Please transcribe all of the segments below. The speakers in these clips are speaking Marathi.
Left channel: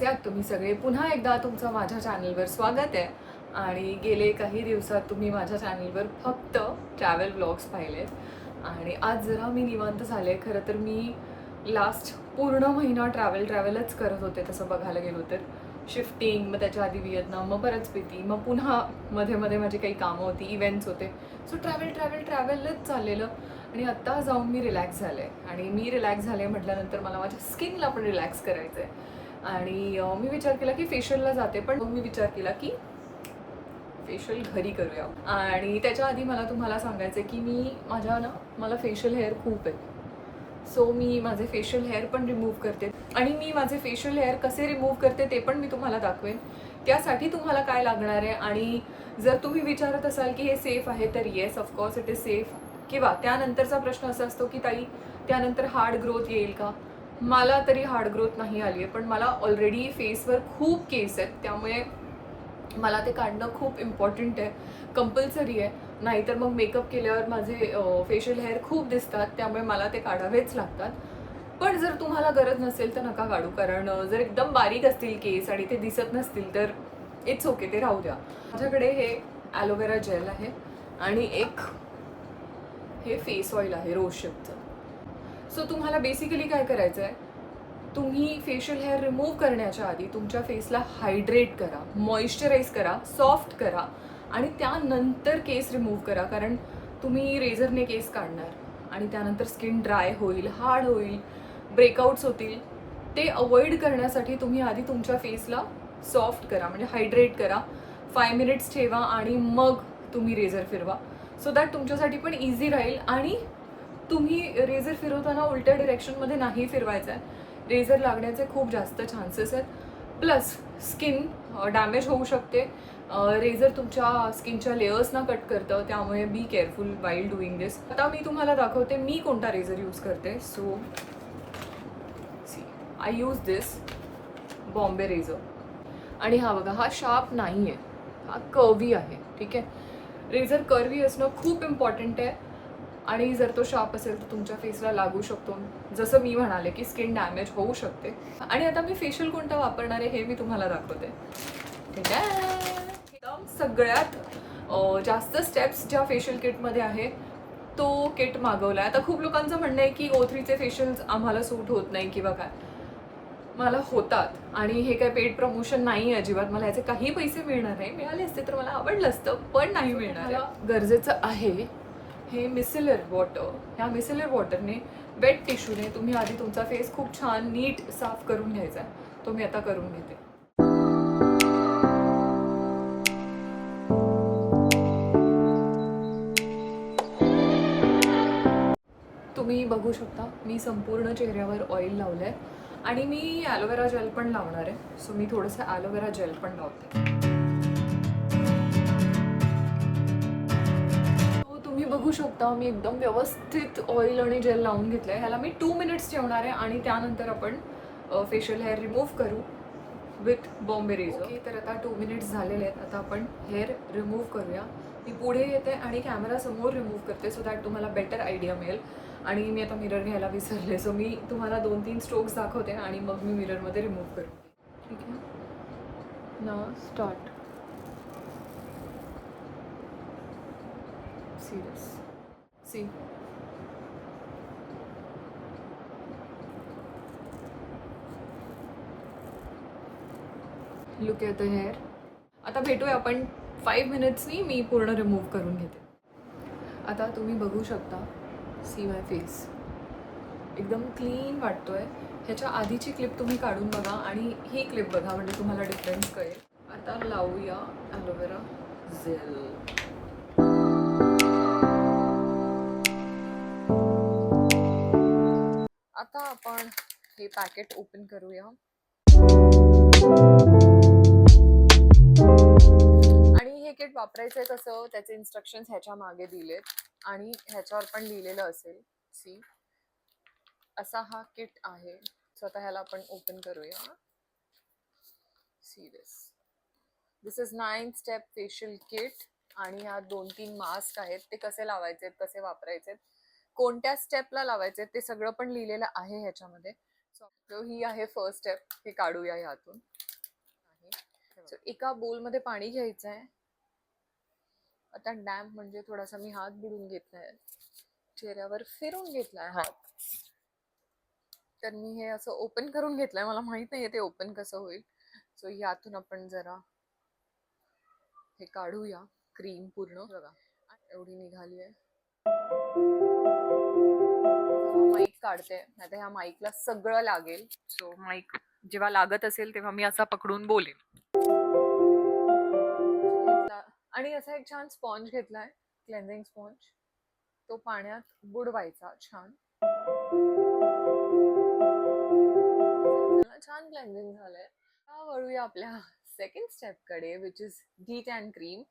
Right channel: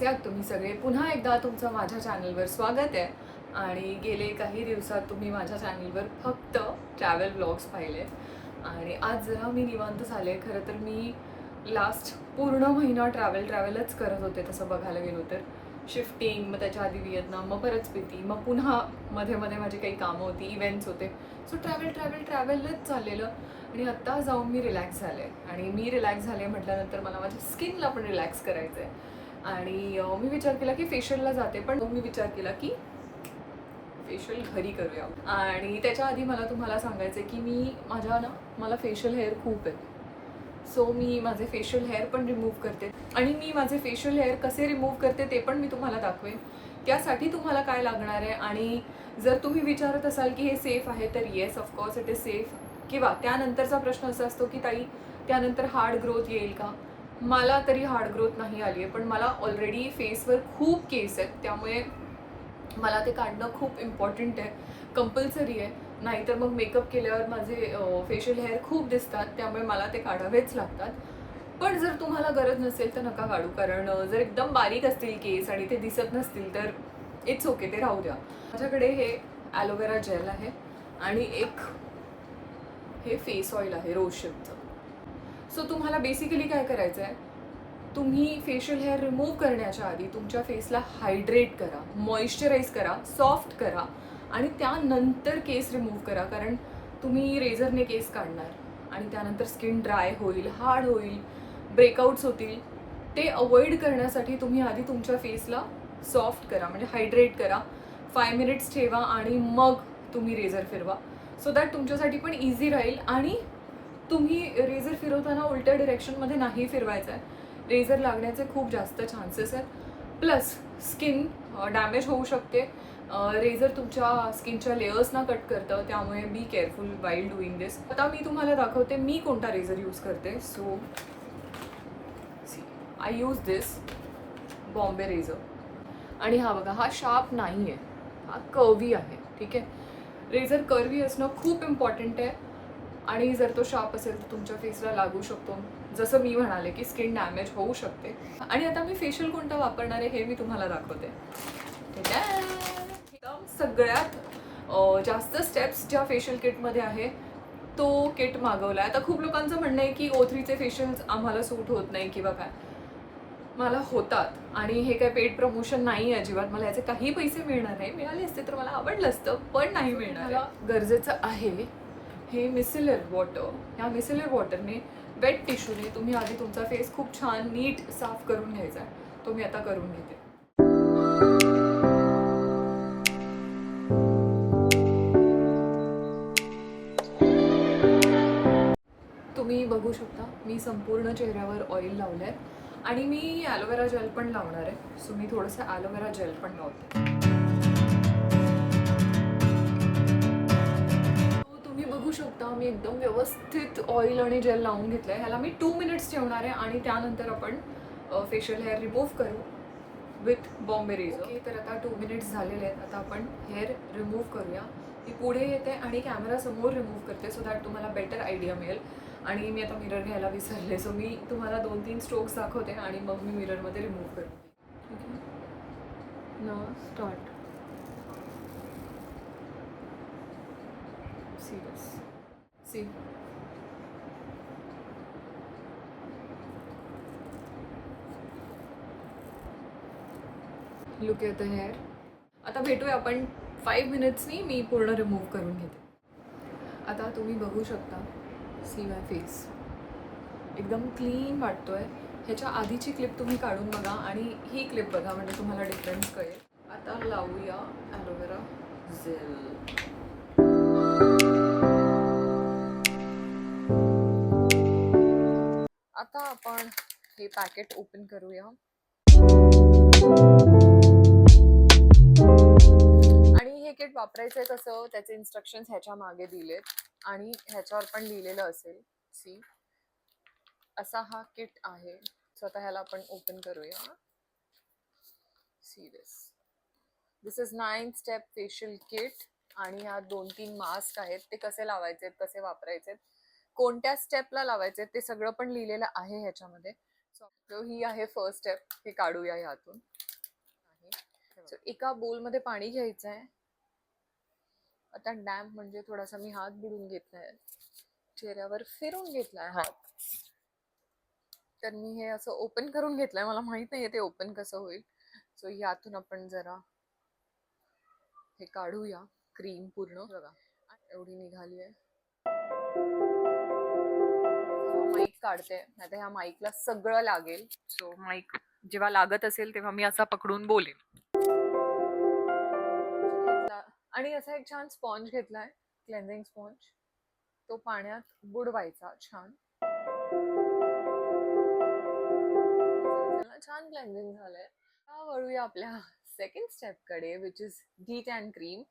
कसे आहात तुम्ही सगळे? पुन्हा एकदा तुमचं माझ्या चॅनलवर स्वागत आहे. आणि गेले काही दिवसात तुम्ही माझ्या चॅनलवर फक्त ट्रॅव्हल व्लॉग्स पाहिले आणि आज जरा मी निवांत झाले. खरं तर मी लास्ट पूर्ण महिना ट्रॅव्हलच करत होते तसं बघायला गेलो तर. शिफ्टिंग, मग त्याच्या आधी व्हिएतनाम, मग परत स्पिती, मग पुन्हा मध्ये मध्ये माझी काही कामं होती, इव्हेंट्स होते. सो ट्रॅव्हलच चाललेलं. आणि आत्ता जाऊन मी रिलॅक्स झाले. आणि मी रिलॅक्स झाले म्हटल्यानंतर मला माझ्या स्किनला पण रिलॅक्स करायचं आहे. आणि मी विचार केला की फेशियलला जाते, पण मग मी विचार केला की फेशियल घरी करूया. आणि त्याच्या आधी मला तुम्हाला सांगायचं की मला फेशियल हेअर खूप आहे. सो मी माझे फेशियल हेअर पण रिमूव्ह करते आणि मी माझे फेशियल हेअर कसे रिमूव्ह करते ते पण मी तुम्हाला दाखवेन. त्यासाठी तुम्हाला काय लागणार आहे, आणि जर तुम्ही विचारत असाल की हे सेफ आहे तर yes, of course it is safe. किंवा त्यानंतरचा प्रश्न असा असतो की ताई त्यानंतर हार्ड ग्रोथ येईल का? मला तरी हार्ड ग्रोथ नाही आली आहे, पण मला ऑलरेडी फेसवर खूप केस आहेत, त्यामुळे मला ते काढणं खूप इम्पॉर्टंट आहे, कंपल्सरी आहे. नाहीतर मग मेकअप केल्यावर माझे फेशियल हेअर खूप दिसतात, त्यामुळे मला ते काढावेच लागतात. पण जर तुम्हाला गरज नसेल तर नका काढू, कारण जर एकदम बारीक असतील केस आणि ते दिसत नसतील तर इट्स ओके, ते राहू द्या. माझ्याकडे हे ॲलोवेरा जेल आहे आणि एक हे फेस ऑइल आहे रोशेपचं. सो तुम्हाला बेसिकली काय करायचं आहे, तुम्ही फेशियल हेअर रिमूव्ह करण्याच्या आधी तुमच्या फेसला हायड्रेट करा, मॉइश्चराईज करा, सॉफ्ट करा आणि त्यानंतर केस रिमूव्ह करा. कारण तुम्ही रेझरने केस काढणार आणि त्यानंतर स्किन ड्राय होईल, हार्ड होईल, ब्रेकआउट्स होतील. ते अवॉइड करण्यासाठी तुम्ही आधी तुमच्या फेसला सॉफ्ट करा, म्हणजे हायड्रेट करा, 5 मिनिट्स ठेवा आणि मग तुम्ही रेझर फिरवा. सो दॅट तुमच्यासाठी पण इझी राहील. आणि तुम्ही रेझर फिरवताना उलट्या डिरेक्शनमध्ये नाही फिरवायचं आहे, रेझर लागण्याचे खूप जास्त चान्सेस आहेत. प्लस स्किन डॅमेज होऊ शकते. रेझर तुमच्या स्किनच्या लेयर्सना कट करतं, त्यामुळे be careful while doing this. आता मी तुम्हाला दाखवते मी कोणता रेझर यूज करते. So see, I use this Bombay razor. आणि हा बघा, हा शार्प नाही आहे, हा कर्वी आहे. ठीक आहे, रेझर कर्वी असणं खूप इम्पॉर्टंट आहे. आणि जर तो शार्प असेल तर तुमच्या फेसला लागू शकतो, जसं मी म्हणाले की स्किन डॅमेज होऊ शकते. आणि आता मी फेशियल कोणता वापरणार आहे हे मी तुम्हाला दाखवते. एकदम सगळ्यात जास्त स्टेप्स ज्या फेशियल किटमध्ये आहे तो किट मागवला आहे. आता खूप लोकांचं म्हणणं आहे की O3चे फेशियल्स आम्हाला सूट होत नाही किंवा काय. मला होतात, आणि हे काय पेड प्रमोशन नाही आहे अजिबात. मला याचे काही पैसे मिळणार नाही, मिळाले असते तर मला आवडलं असतं, पण नाही मिळणार. गरजेचं आहे हे मिसेलर वॉटर. ह्या मिसेलर वॉटरने, वेट टिश्यूने तुम्ही आधी तुमचा फेस खूप छान नीट साफ करून घ्यायचा आहे. तो मी आता करून घेते. तुम्ही बघू शकता मी संपूर्ण चेहऱ्यावर ऑइल लावलं आहे आणि मी ॲलोवेरा जेल पण लावणार आहे. सो मी थोडंसं ॲलोवेरा जेल पण लावते. तुम्ही बघू शकता मी एकदम व्यवस्थित ऑइल आणि जेल लावून घेतलं आहे. ह्याला मी 2 मिनिट्स ठेवणार आहे आणि त्यानंतर आपण फेशियल हेअर रिमूव्ह करू विथ बॉम्बे रेझर. ओके, तर आता 2 मिनिट्स झालेले आहेत. आता आपण हेअर रिमूव्ह करूया. मी पुढे येते आणि कॅमेरा समोर रिमूव्ह करते, सो दॅट तुम्हाला बेटर आयडिया मिळेल. आणि मी आता मिरर घ्यायला विसरले, सो मी तुम्हाला 2-3 स्ट्रोक्स दाखवते आणि मग मी मिररमध्ये रिमूव्ह करू. ठीक आहे ना, start. Serious see, look at the hair. आता भेटूया आपण 5 मिनिट्सनी. मी पूर्ण रिमूव्ह करून घेते. आता तुम्ही बघू शकता, सी माय फेस एकदम क्लीन वाटतोय. ह्याच्या आधीची क्लिप तुम्ही काढून बघा आणि ही क्लिप बघा, म्हणजे तुम्हाला डिफरन्स कळेल. आता लावूया ॲलोवेरा जेल. आता आपण हे पॅकेट ओपन करूया. आणि हे किट वापरायचं आहे कसं, त्याचे इन्स्ट्रक्शन्स ह्याच्या मागे दिलेत आणि ह्याच्यावर पण लिहिलेलं असेल. सी, असा हा किट आहे. सो आता ह्याला आपण ओपन करूया. See this is 9 step facial kit. आणि ह्या 2-3 मास्क आहेत, ते कसे लावायचे, कसे वापरायचे, कोणत्या स्टेपला लावायचे ते सगळं पण लिहिलेलं आहे ह्याच्यामध्ये. सो ही आहे फर्स्ट स्टेप, हे काढूया ह्यातून. सो एका बोलमध्ये पाणी घ्यायचं आहे. आता डॅम्प म्हणजे थोडासा मी हात बुडून घेतलाय, चेहऱ्यावर फिरून घेतलाय हात. तर मी हे असं ओपन करून घेतलंय, मला माहित नाहीये ते ओपन कसं होईल. सो यातून आपण जरा हे काढूया क्रीम पूर्ण. बघा एवढी निघाली आहे. माईक काढते, नाही तर ह्या माईकला सगळं लागेल. सो माईक जेव्हा लागत असेल तेव्हा मी असा पकडून बोलेन. आणि असा एक छान स्पॉन्ज घेतलाय, क्लेन्झिंग स्पॉन्ज. तो पाण्यात बुडवायचा छान. छान क्लेन्झिंग झालंय. वळूया आपल्या सेकंड स्टेप कडे, विच इज डी10 क्रीम.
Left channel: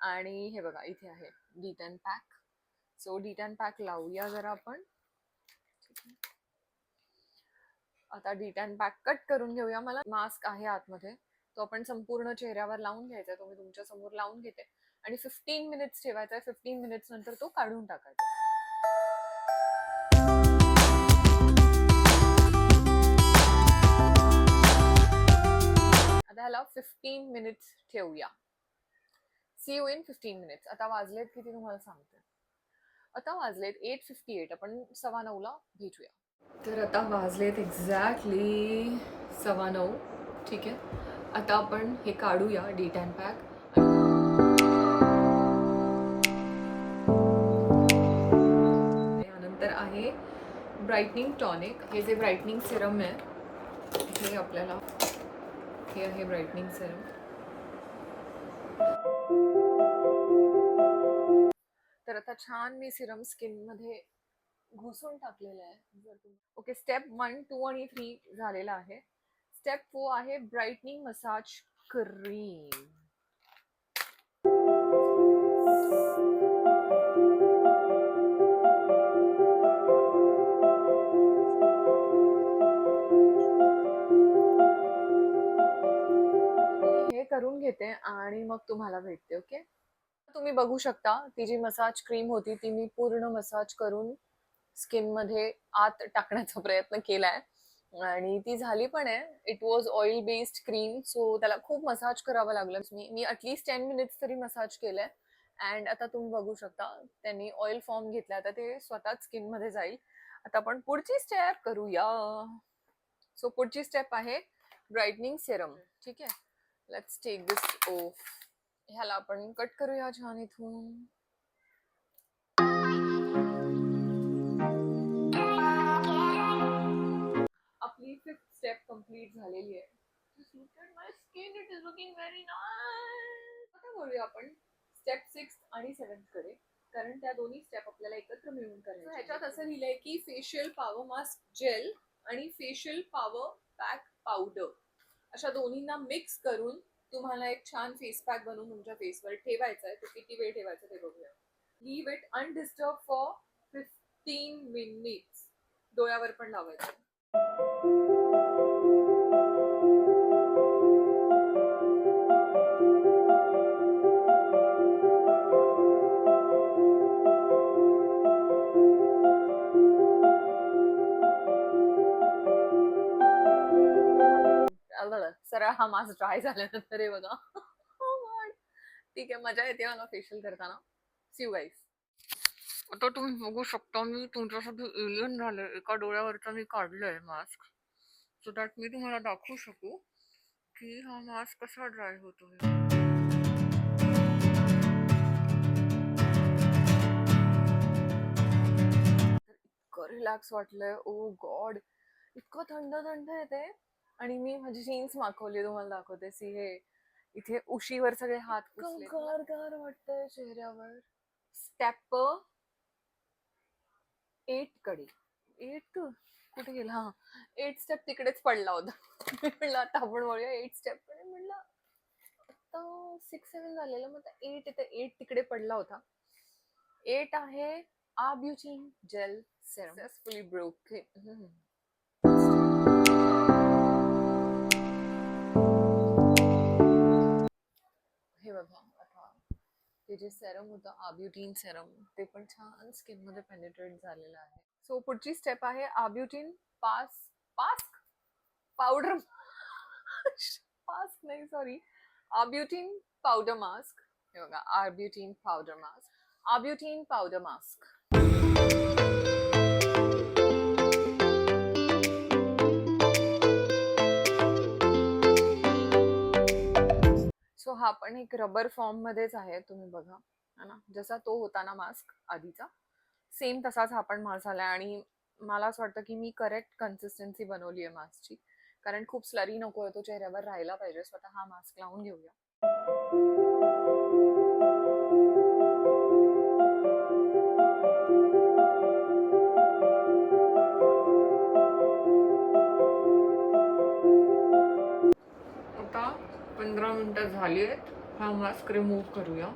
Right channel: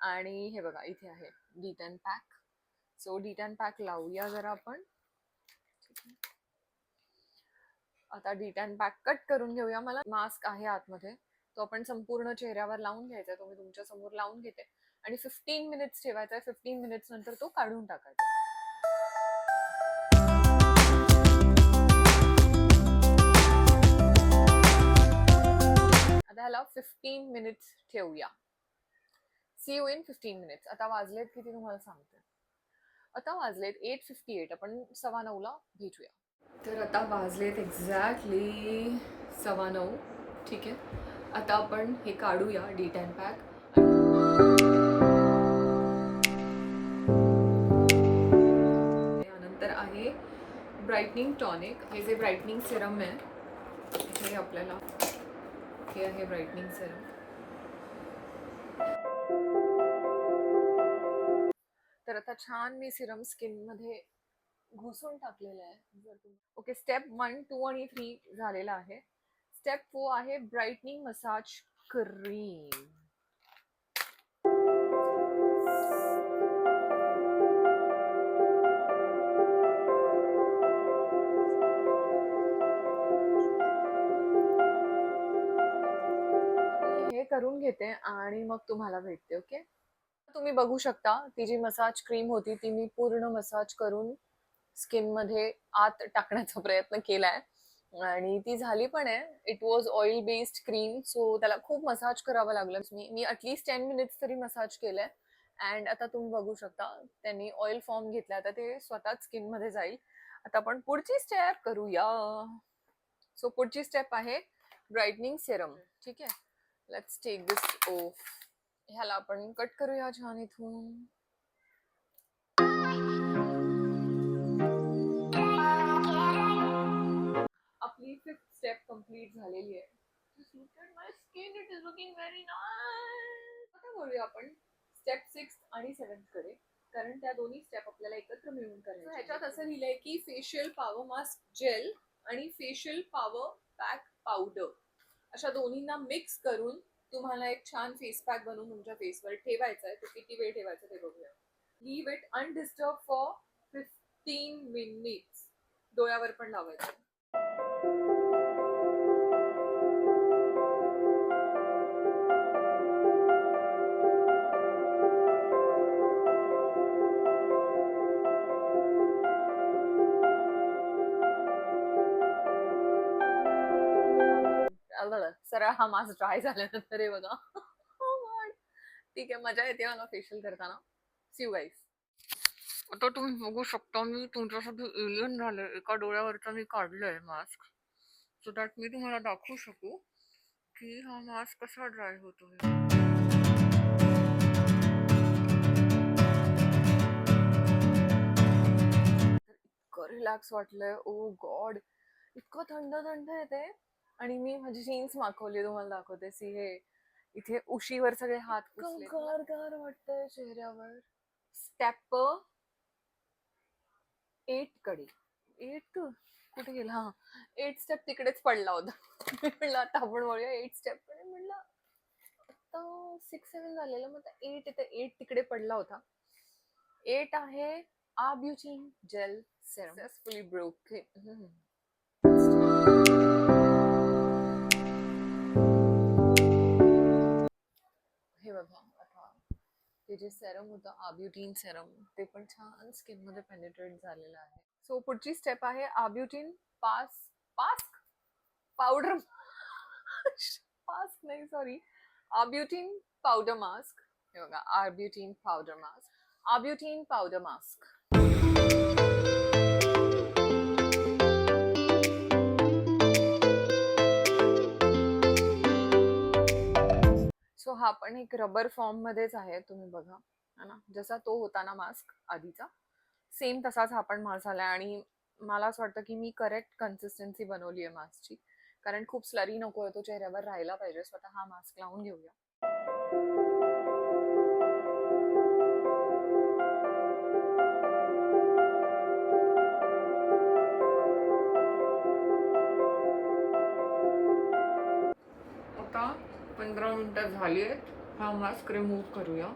आणि हे बघा इथे आहे डी10 पॅक. सो डी10 पॅक लावूया जरा आपण. आता डी10 पॅक कट करून घेऊया. मला मास्क आहे आतमध्ये, तो आपण संपूर्ण चेहऱ्यावर लावून घ्यायचा. तो मी तुमच्या समोर लावून घेते आणि 15 मिनिट्स ठेवायचा आहे. 15 मिनिट्स नंतर तो काढून टाकायचा. आता ह्याला 15 मिनिट्स ठेवूया. See you in 15 minutes. आता वाजलेत किती तुम्हाला सांगते. आता वाजलेत 8:58. आपण 9:15ला भेटूया. तर आता वाजलेत एक्झॅक्टली 9:15. ठीक आहे, आता आपण हे काढूया डी10 पॅक. यानंतर आहे ब्राईटनिंग टॉनिक. हे जे ब्राईटनिंग सिरम आहे, हे आपल्याला हे आहे ब्राईटनिंग सिरम. तर आता छान मी सिरम स्किन मध्ये घुसून टाकलेलं आहे. ओके, स्टेप 1, 2 आणि 3 झालेला आहे. स्टेप 4 आहे ब्राईटनिंग मसाज क्रीम. हे करून घेते आणि मग तुम्हाला भेटते. ओके, तुम्ही बघू शकता ती जी मसाज क्रीम होती ती मी पूर्ण मसाज करून स्किन मध्ये आत टाकण्याचा प्रयत्न केलाय आणि ती झाली पण आहे. It was oil based cream, so त्याला खूप मसाज करावं लागलं. मी ॲटलिस्ट 10 मिनिट्स तरी मसाज केलंय. अँड आता तुम्ही बघू शकता त्यांनी ऑइल फॉर्म घेतला. आता ते स्वतःच स्किन मध्ये जाईल. आता आपण पुढची स्टेप करूया. सो पुढची स्टेप आहे ब्राईटनिंग सिरम. ठीक आहे, लेट्स टेक दिस ऑफ. ह्याला आपण कट करूया छान इथून. आपली 5th स्टेप कंप्लीट झालेली आहे. My skin, it is looking very nice. आता बोलूया आपण स्टेप 6 आणि 7 कडे, कारण त्या दोन्ही स्टेप आपल्याला एकत्र मिळून करायच्या. ह्याच्यात असं लिहिलंय की फेशियल पॉवर मास्क जेल आणि फेशियल पॉवर पॅक पावडर अशा दोन्हींना मिक्स करून तुम्हाला एक छान फेस पॅक बनवून तुमच्या फेसवर ठेवायचा आहे. तो किती वेळ ठेवायचा ते बघूया. Leave it undisturb for 15 minutes. डोळ्यावर पण लावायचं. सरळ हा मास्क ड्राय झाल्यानंतर हे बघा. ठीक आहे, मजा येते मला फेशियल करताना. See you guys. आता तुम्ही बघू शकता मी तुमच्यासाठी एलियन झाले. एका डोळ्यावरचा मी काढलंय मास्क, सो दॅट मी तुम्हाला दाखवू शकू की हा मास्क कसा ड्राय होतो. इतकं रिलॅक्स वाटलंय. ओ गॉड, इतकं थंड थंड येते. आणि मी माझी जीन्स मागवली, तुम्हाला दाखवते. सी, हे इथे उशीवर सगळे हात गार गार वाटतंय चेहऱ्यावर. स्टेप 8 कडे. 8 कुठे गेला? हा, 8 स्टेप तिकडेच पडला होता. म्हणलं आता आपण बोलूया 8 स्टेप कडे. म्हणलं आता 6-7 झालेलं, मग 8 इथे 8 तिकडे पडला होता. 8 आहे आब्युटिन जेल सेरम. Successfully broken. हे बघा, आता ते जे सेरम होतं आब्युटिन सेरम, ते पण छान स्किन मध्ये पेनिट्रेट झालेलं आहे. सो पुढची स्टेप आहे आब्युटिन पास्क पावडर. पास्क नाही, सॉरी, आर्ब्युटिन पावडर मास्क. हे बघा, arbutin powder mask. Arbutin powder mask. So हा पण एक रबर फॉर्म मध्येच आहे, तुम्ही बघा है ना, जसा तो होता ना मास्क आधीचा, सेम तसाच हा पण मास्क आलाय. आणि मला असं वाटतं की मी करेक्ट कन्सिस्टन्सी बनवली आहे मास्कची, कारण खूप स्लरी नको आहे, तो चेहऱ्यावर राहायला पाहिजे. स्वतः हा मास्क लावून घेऊया. आता 15 मिनिटं झाली आहेत. हा मास्क रिमूव्ह करूया.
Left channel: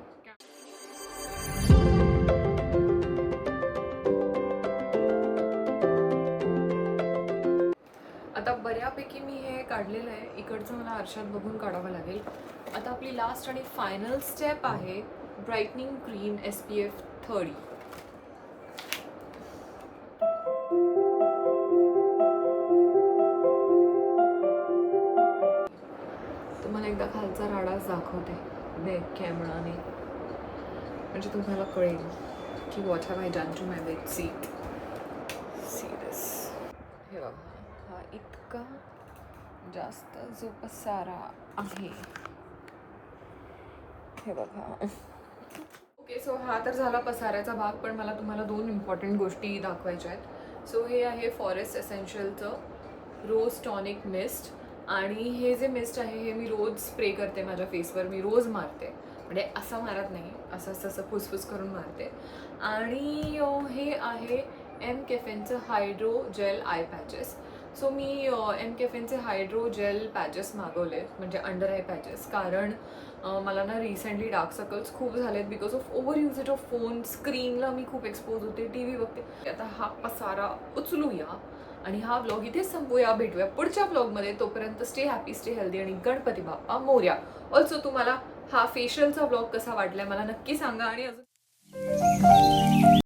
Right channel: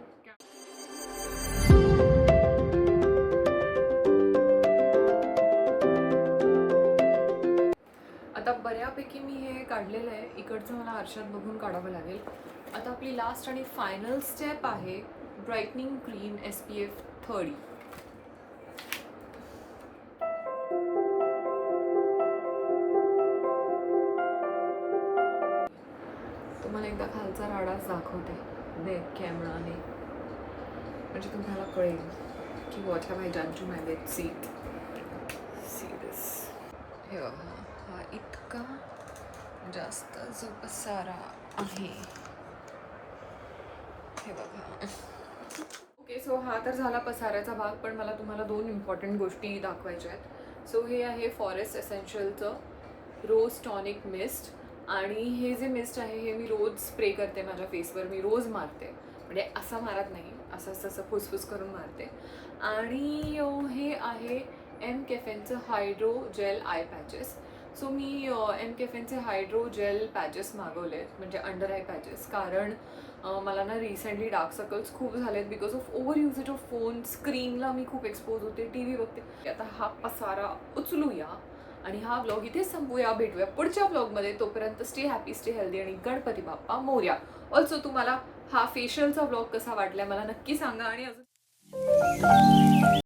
आता बऱ्यापैकी मी हे काढलेलं आहे. इकडचं मला आरशात बघून काढावं लागेल. आता आपली लास्ट आणि फायनल स्टेप आहे ब्राईटनिंग क्रीम SPF 30. तुम्हाला एकदा खालचा राडाच दाखवते बॅक कॅमेराने, म्हणजे तुम्हाला कळेल की what have I done to my bed sheet. See this. हे बघा, हा इतका जास्त जो पसारा आहे, हे बघा. ओके, सो हा तर झाला पसाऱ्याचा भाग, पण मला तुम्हाला 2 इम्पॉर्टंट गोष्टी दाखवायच्या आहेत. सो हे आहे फॉरेस्ट एसेन्शियलचं रोज टॉनिक मिस्ट. आणि हे जे मिस्ट आहे हे मी रोज स्प्रे करते माझ्या फेसवर. मी रोज मारते, म्हणजे असं मारत नाही, असं तसं फुसफुस करून मारते. आणि हे आहे एम कॅफेनचं hydro gel eye patches. So मी एम कॅफेनचे हायड्रो जेल पॅचेस मागवले, म्हणजे अंडर आय पॅचेस, कारण मला ना रिसेंटली डार्क सर्कल्स खूप झालेत because of over usage of phone. स्क्रीनला मी खूप एक्सपोज होते, TV बघते. आता हा पसारा उचलूया आणि हा व्लॉग इथेच संपूया. भेटूया पुढच्या व्लॉगमध्ये. तोपर्यंत स्टे हॅपी, स्टे हेल्दी आणि गणपती बाप्पा मोरया. ऑल्सो तुम्हाला हा फेशियलचा व्लॉग कसा वाटलाय मला नक्की सांगा. आणि अजून